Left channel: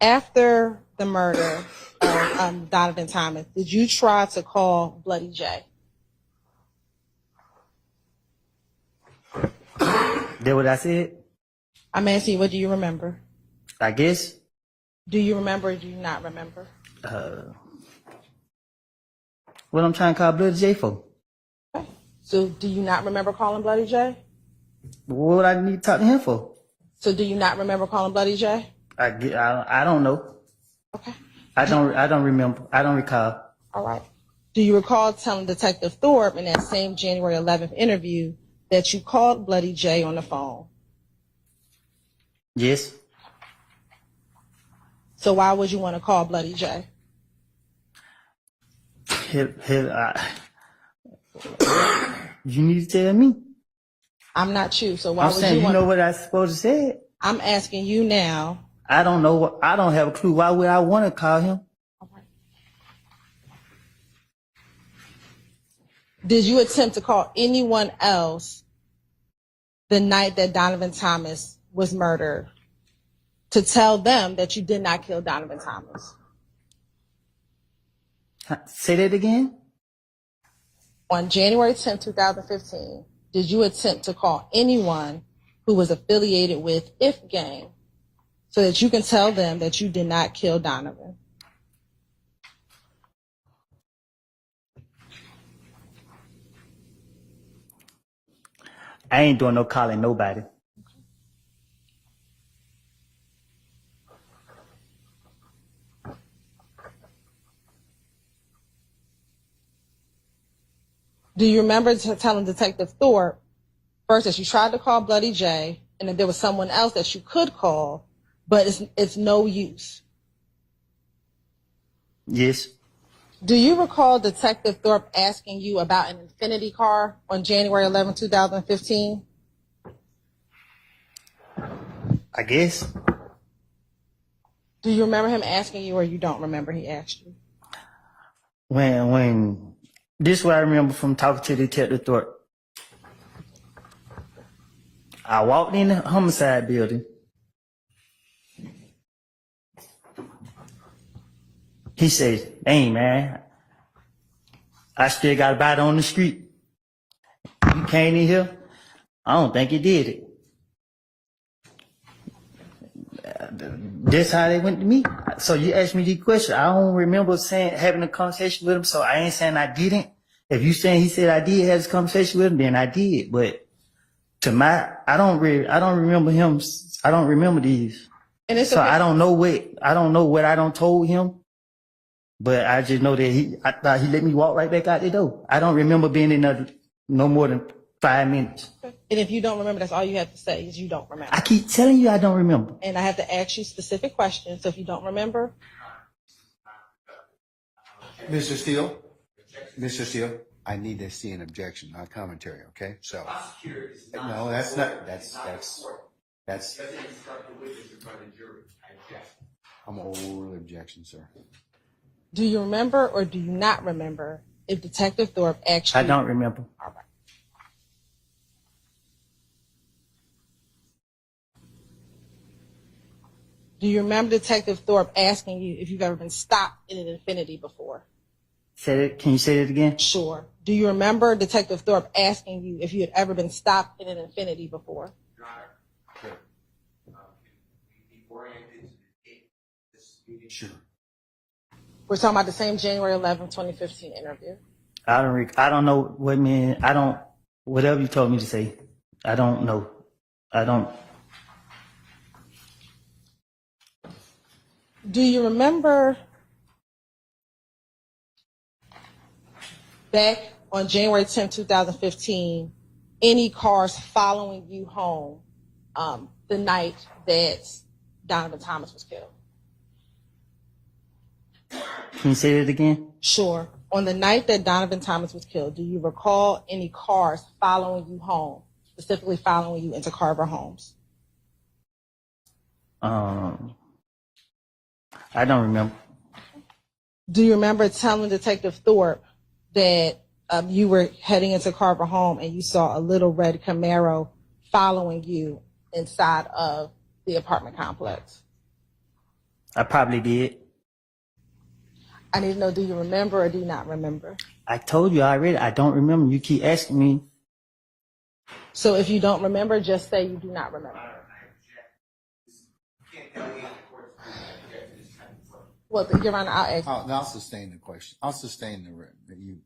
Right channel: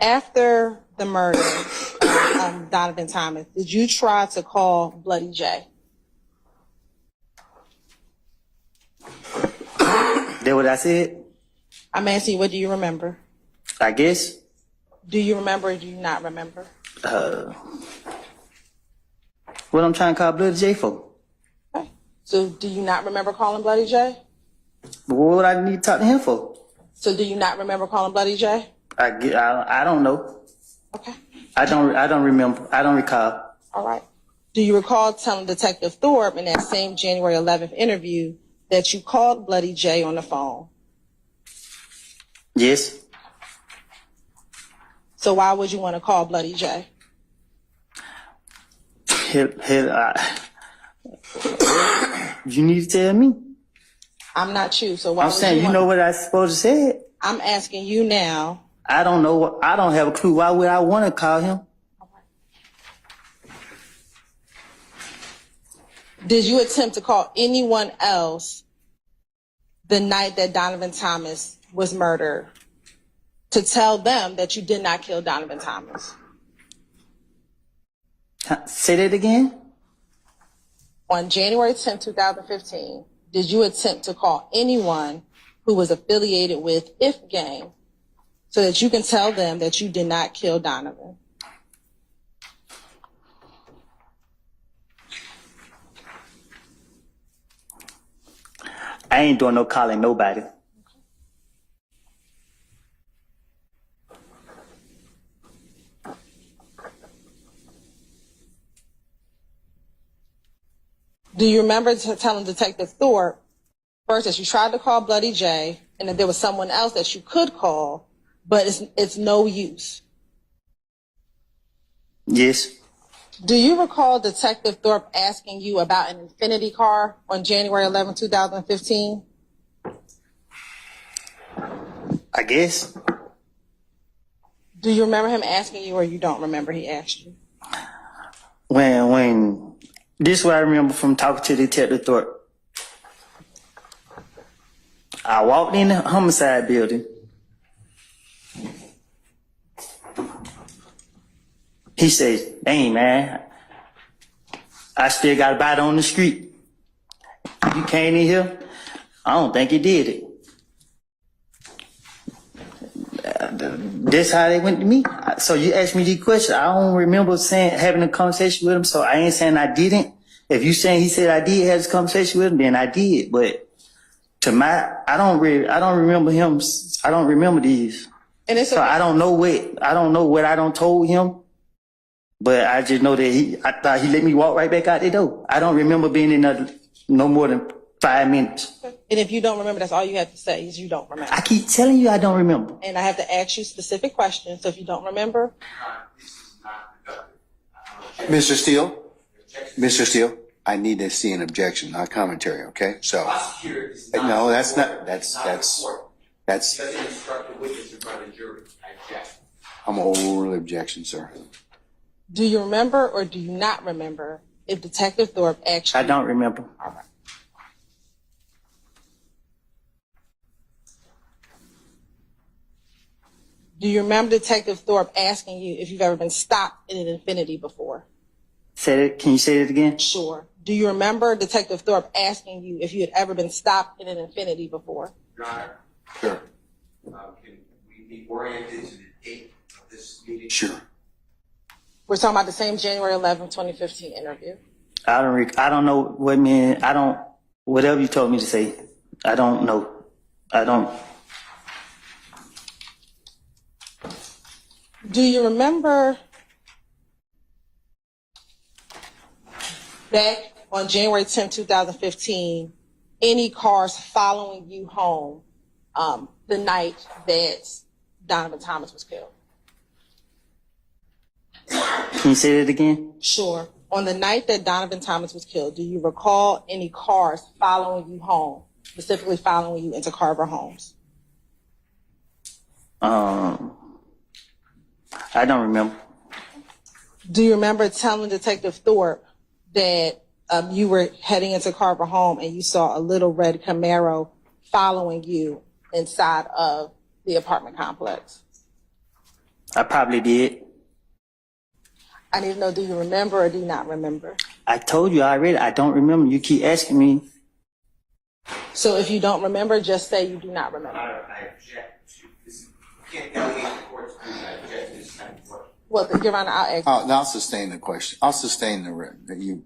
After the murder of Donovan Thomas, did you try to call Bloody J? That what I said? I'm asking you, what do you remember? I guess. Do you remember or do you not remember? What I'm trying to call Bloody J for? Okay. So do you not remember calling Bloody J? But what would I need to talk to him for? So do you not remember calling Bloody J? I don't know. Okay. I don't remember. I don't recall. All right. Do you recall telling Detective Thorpe in that same January 11th interview that you called Bloody J on the phone? Yes. So why would you want to call Bloody J? You need to tell me. I'm not you, so why I'm would saying, you know what I supposed to say? I'm asking you now. I don't know. I don't have a clue. Why would I want to call him? All right. Did you attempt to call anyone else the night that Donovan Thomas was murdered to tell them that you did not kill Donovan Thomas? Say that again? On January 10, 2015, did you attempt to call anyone who was affiliated with If Gang so that you can tell them that you did not kill Donovan? I ain't doing no calling nobody. Do you remember telling Detective Thorpe first that you tried to call Bloody J and that there was someone else that you could call, but it's no use? Yes. Do you recall Detective Thorpe asking you about an Infinity car on January 11, 2015? I guess. Do you remember him asking you, or you don't remember he asked you? When this is what I remember from talking to Detective Thorpe. I walked in the homicide building. He says, "Dang, man, I still got a bite on the street. You came in here? I don't think you did it." That's how they went to me. So you asked me these questions. I don't remember having a conversation with him, so I ain't saying I didn't. If you saying he said I did have this conversation with him, then I did. But I don't remember him. I don't remember these. And so okay. I don't know what I don't told him. But I just know that I thought he let me walk right back out the door. I don't remember being in there no more than 5 minutes. And if you don't remember, that's all you have to say is you don't remember. I keep telling you I don't remember. And I have to ask you specific questions. So if you don't remember. Mr. Steele, I need to see an objection, not commentary, okay? So, no, that's I'm overrule objection, sir. Do you remember or do you not remember if Detective Thorpe actually... I don't remember. All right. Do you remember Detective Thorpe asking you if you've ever been stopped in an Infinity before? Can you say it again? Sure. Do you remember Detective Thorpe asking you if you had ever been stopped in an Infinity before? Your Honor. Sure. Can we be oriented to the date of this meeting? Sure. We're talking about the same January 11, 2015 interview. I don't know what mean. Whatever you told me to say, I don't know. I don't. Do you remember back on January 10, 2015, any cars following you home the night that Donovan Thomas was killed? Can you say that again? Sure. On the night that Donovan Thomas was killed, do you recall any cars following you home, specifically following you into Carver Homes? I don't remember. Do you remember telling Detective Thorpe that you were heading into Carver Home and you saw a little red Camaro following you inside of the apartment complex? I probably did. I need to know, do you remember or do you not remember? I told you already. I don't remember. You keep asking me. So if you don't remember, just say you do not remember. I object to this. You can't delegate the court to me. I object to this type of work. Well, Your Honor, I'll ask. I'll sustain the question. I'll sustain you.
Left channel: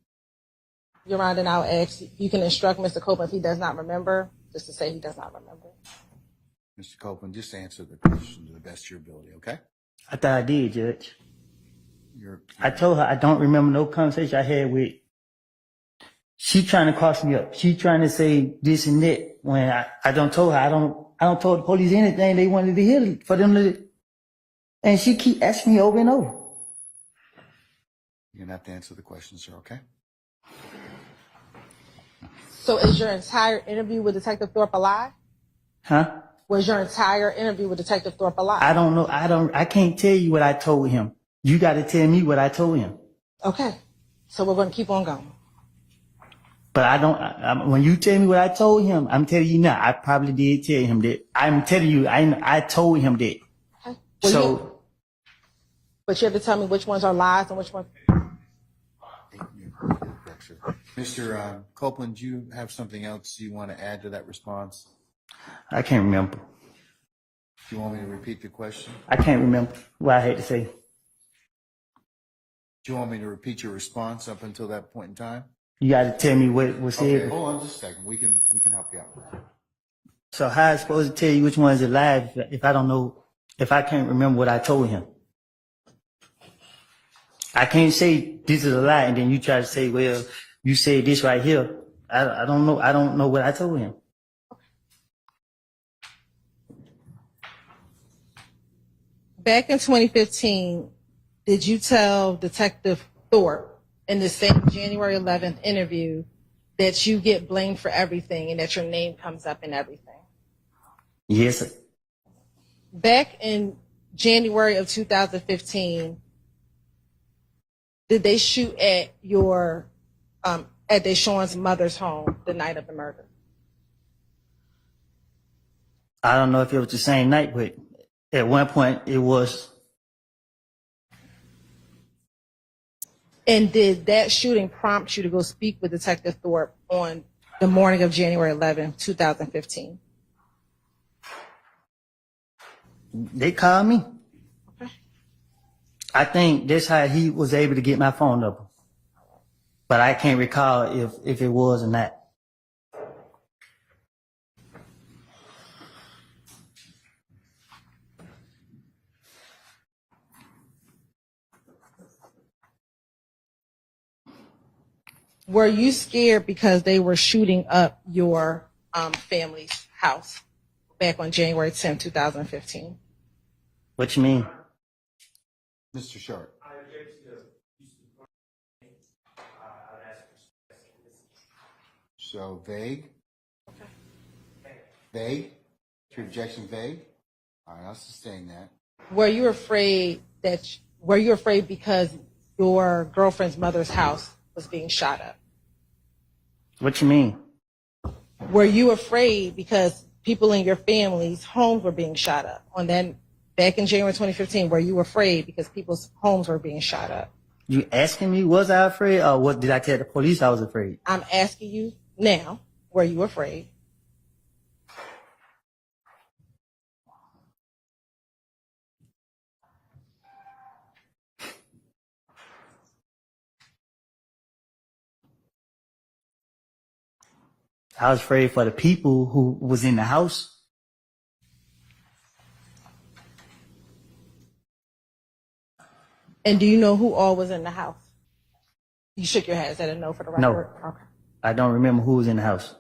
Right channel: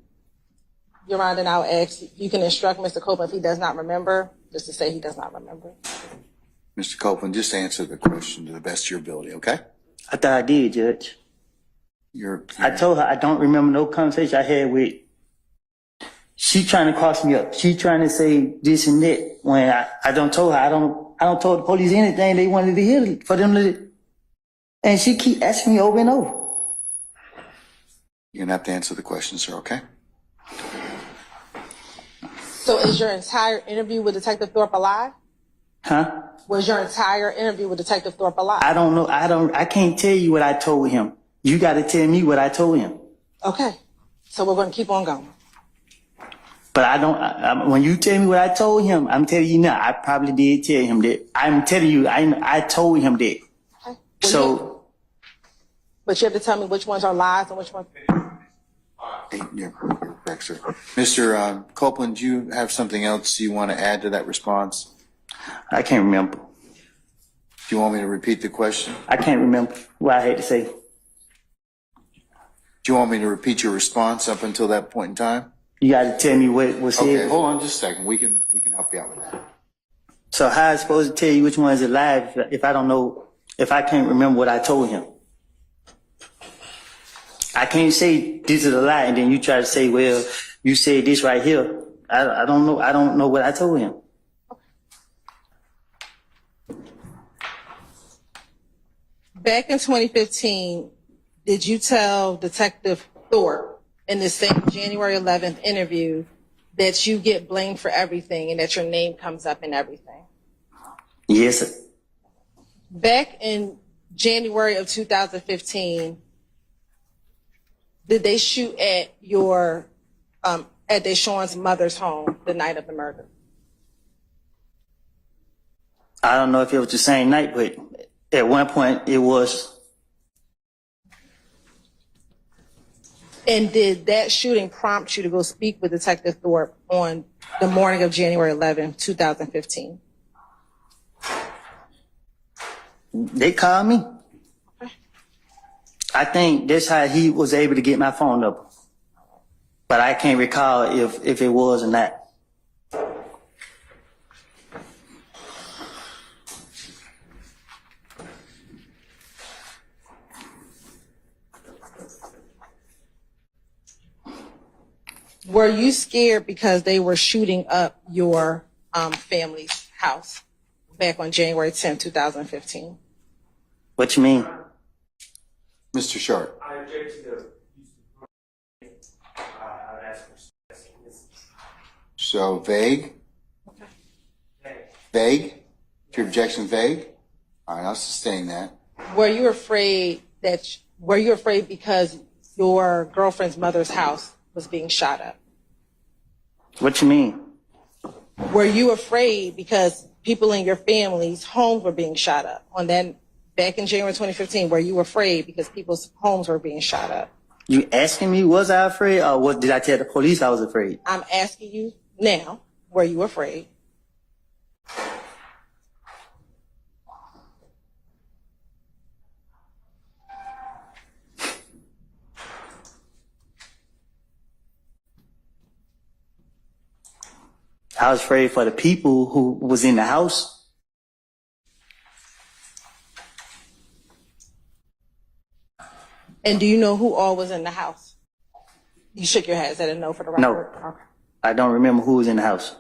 Your Honor, and I'll ask. You can instruct Mr. Copeland if he does not remember, just to say he does not remember. Mr. Copeland, just answer the question to the best of your ability, okay? I thought I did, Judge. You're I told her I don't remember no conversation I had with. She trying to cross me up. She trying to say this and that when I don't told her I don't tell the police anything they wanted to hear for them to. And she keep asking me over and over. gonna have to answer the question, sir, okay? So is your entire interview with Detective Thorpe a lie? Huh? Was your entire interview with Detective Thorpe a lie? I don't know. I can't tell you what I told him. You got to tell me what I told him. Okay. So we're going to keep on going. But I don't. When you tell me what I told him, I'm telling you now. I probably did tell him that. I'm telling you, I told him that. Okay. Well, So. But you have to tell me which ones are lies and which ones. You're correct, sir. Mr. Copeland, do you have something else you want to add to that response? I can't remember. Do you want me to repeat the question? I can't remember what I had to say. Do you want me to repeat your response up until that point in time? You got to tell me what was said. Okay, hold on just a second. We can help you out with that. So how I supposed to tell you which one is a lie if I don't know, if I can't remember what I told him? I can't say this is a lie and then you try to say, well, you said this right here. I don't know. I don't know what I told him. Back in 2015, did you tell Detective Thorpe in the same January 11th interview that you get blamed for everything and that your name comes up in everything? Yes, sir. Back in January of 2015, did they shoot at your at Deshaun's mother's home the night of the murder? I don't know if it was the same night, but at one point it was. And did that shooting prompt you to go speak with Detective Thorpe on the morning of January 11th, 2015? They called me. I think that's how he was able to get my phone number. But I can't recall if it was or not. Were you scared because they were shooting up your family's house back on January 10th, 2015? What you mean? Mr. Sharp. I object to the use of the I would ask for So vague? Vague? Is your objection vague? All right, I'll sustain that. Were you afraid because your girlfriend's mother's house was being shot up? What you mean? Were you afraid because people in your family's homes were being shot up on that back in January 2015? Were you afraid because people's homes were being shot up? You asking me, was I afraid, or what did I tell the police I was afraid? I'm asking you now, were you afraid? I was afraid for the people who was in the house. And do you know who all was in the house? You shook your head, said a no for the record? No. Okay. I don't remember who was in the house.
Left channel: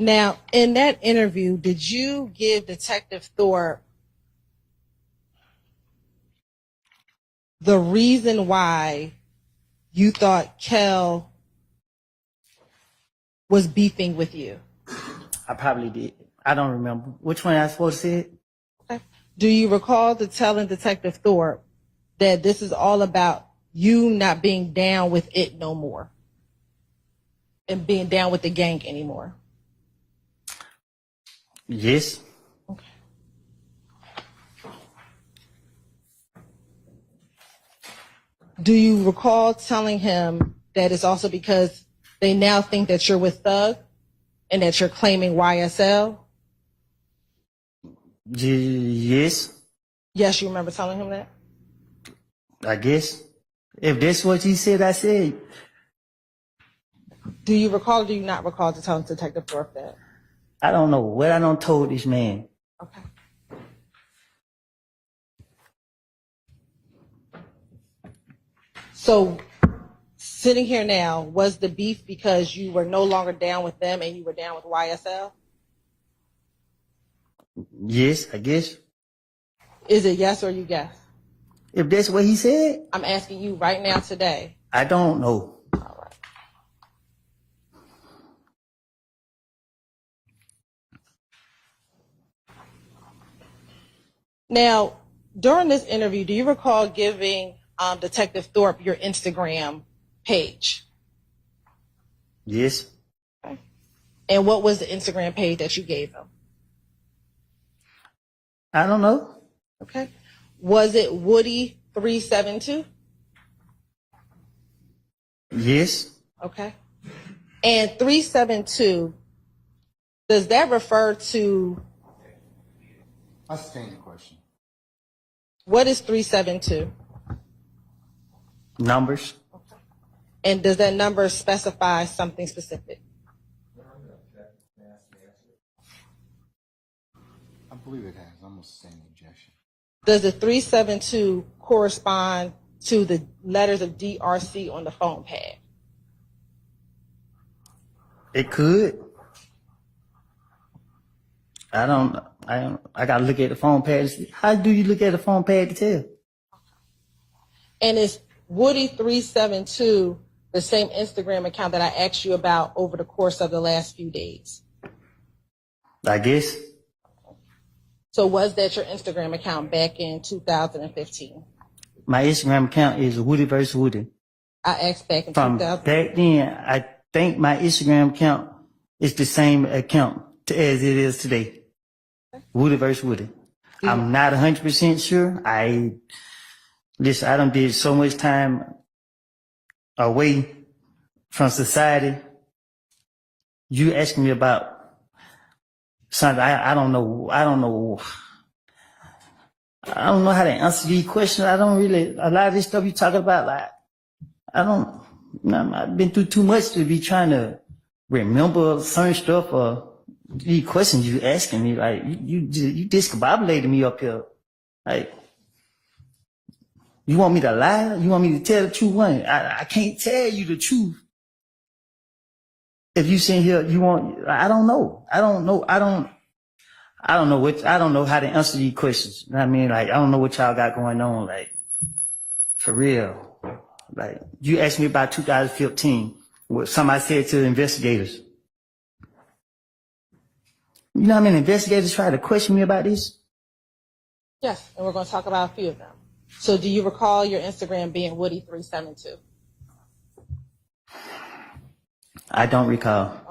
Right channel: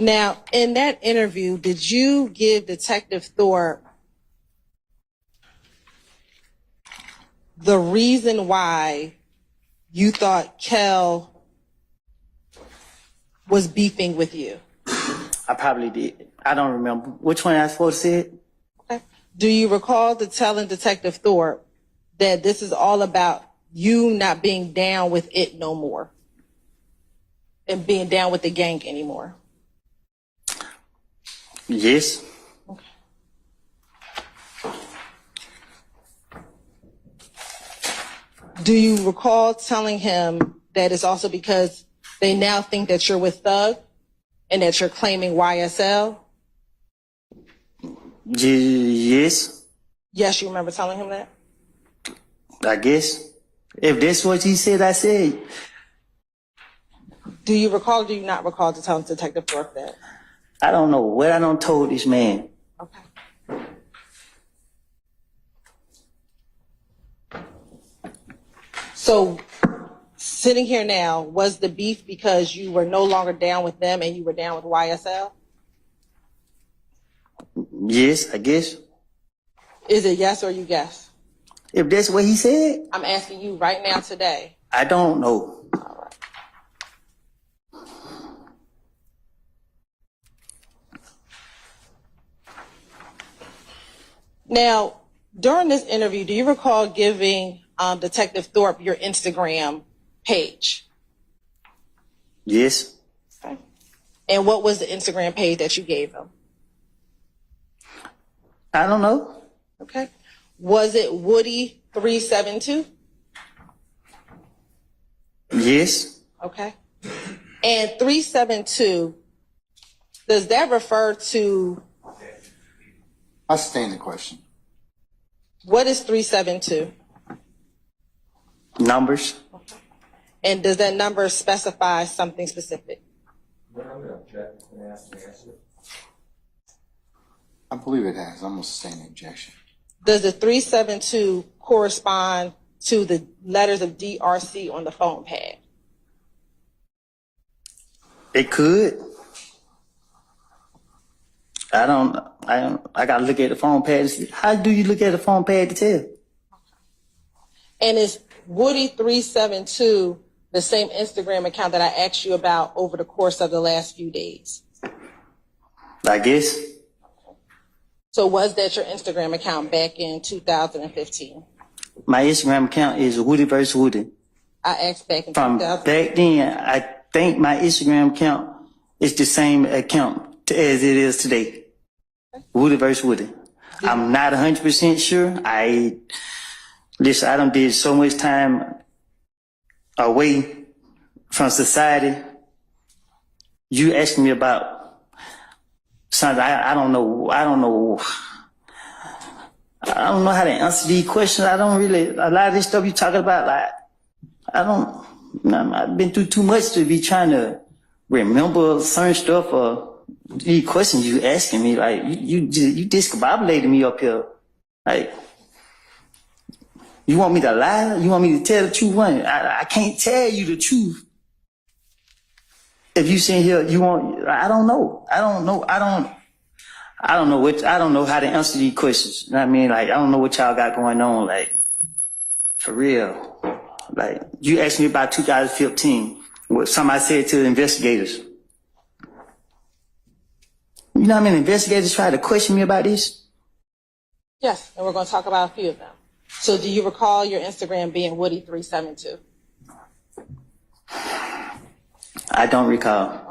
Now, in that interview, did you give Detective Thorpe the reason why you thought Kel was beefing with you? I probably did. I don't remember. Which one I supposed to say it? Okay. Do you recall telling Detective Thorpe that this is all about you not being down with it no more and being down with the gang anymore? Yes. Do you recall telling him that it's also because they now think that you're with Thug and that you're claiming YSL? Yes, Yes, you remember telling him that? I guess. If that's what he said, I said. Do you recall or do you not recall to tell Detective Thorpe that? I don't know what I done told this man. Okay. So, sitting here now, was the beef because you were no longer down with them and you were down with YSL? Yes, I guess. Is it yes or you guess? If that's what he said, I'm asking you right now today. I don't know. All right. Now, during this interview, do you recall giving Detective Thorpe your Instagram page? Yes. Okay. And what was the Instagram page that you gave him? I don't know. Okay. Was it Woody372? Yes. Okay. And 372, does that refer to, I sustain the question. what is 372? Numbers. And does that number specify something specific? I believe it has. I'm going to sustain the objection. Does the 372 correspond to the letters of DRC on the phone pad? It could. I gotta look at the phone pad to see. How do you look at the phone pad to tell? And is Woody372 the same Instagram account that I asked you about over the course of the last few days? I guess. So was that your Instagram account back in 2015? My Instagram account is Woody vs. Woody. I asked back in From 2000. back then, I think my Instagram account is the same account as it is today. Woody vs. Woody. I'm not 100% sure. I done did so much time away from society. You asked me about something I don't know. I don't know how to answer these questions. A lot of this stuff you talking about, like, I've been through too much to be trying to remember certain stuff or these questions you asking me. Like, you discombobulated me up here. Like, you want me to lie? You want me to tell the truth? I can't tell you the truth. If you sit here, I don't know. I don't know how to answer these questions. You know what I mean? Like, I don't know what y'all got going on. Like, for real. Like, you asked me about 2015, what somebody said to the investigators. You know how many investigators tried to question me about this? Yes, and we're going to talk about a few of them. So do you recall your Instagram being Woody372? I don't recall.